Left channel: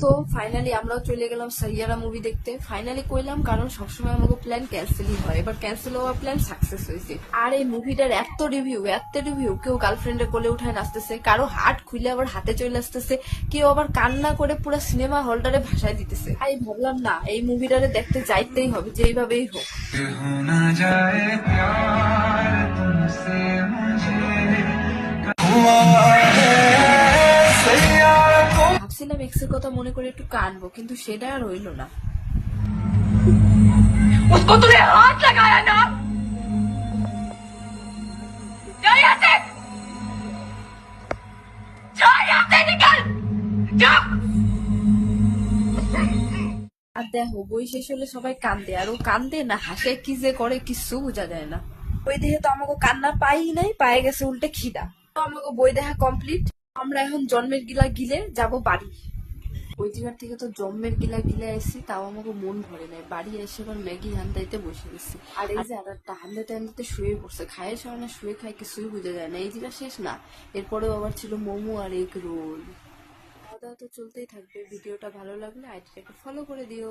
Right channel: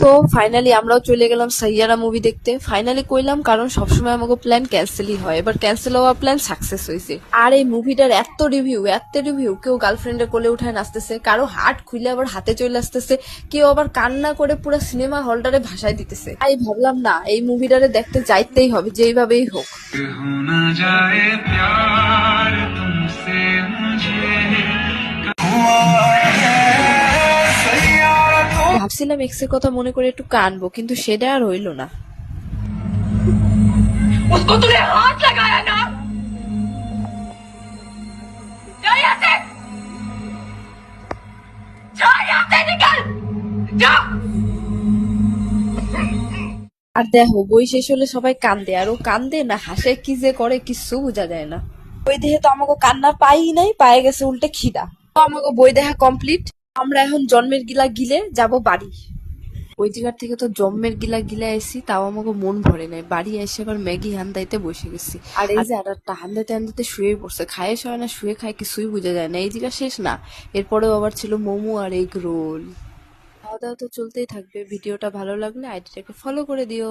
তো ফাইনালি আমরাও চলে গেলাম সাইয়ারা মুভি দেখতে। ফাইনালি কইলাম, কারণ সবসময় আমাকে প্ল্যান ক্যান্সেলই হয়, এবার ক্যান্সেল হওয়া প্ল্যান সাকসেস হয়েছে। আর এই মুভিটার এত রিভিউ, কেউ গার্লফ্রেন্ডের কোলে উঠায় নাচতেছে, কারো হাট খুলে আবার হাতে চলে আসতেছে, কেউ আবার কান্না করে পুরো সিনেমা হলটারে ভাসায় দিতেছে। তাই ভাবলাম না, এই মুভিটারে দেখতে যাইতেই হবে যেইভাবেই হোক। होना जाए प्यार तुमसे मुझे हुआ है सैयारा तो ভাবছিলাম এক্সের কথা মনে করে একটু কানবো, কিন্তু সেটা আর হইল না। उसको तूने हाथ लगाया ना, जा यहाँ से, जा यहाँ से निकल, जा। আর দেখো, বই শেষ হলে সবাই কান্দে, আর ও কান্দে না হাসে, কি যে করে কিছু বোঝা যায় না। বই দেখে তো আমাকে কান্না পাই নাই, পায়ে গেছে উল্টে খিদা। তো আমাকে বই দেখা কমপ্লিট। আমরা এখন জন্মের গিলা গিলে যাব বাড়ি। ওই জায়গার থেকে তো জন্মের গিলা গিলা এসি, তাও আমাকে মন ভরে নাই। বাড়ি এসে আবার ম্যাগি হান্দাইতে বসে গেছি। আর এই যে আরেকটা হান্দাইতে হান্দাইতে শুয়ে পড়ছে, খায় শোয় না শুয়ে খায় কিছুই বোঝা যায় না। এই জায়গা শেষ না, এরপরেও আবার ছিল মোমো আর এগ রোল। খাওয়া দাওয়া তো চলতেই থাকবে। ভিডিওটা ভালো লাগলে আইডিটাকে ফলো করে দিও।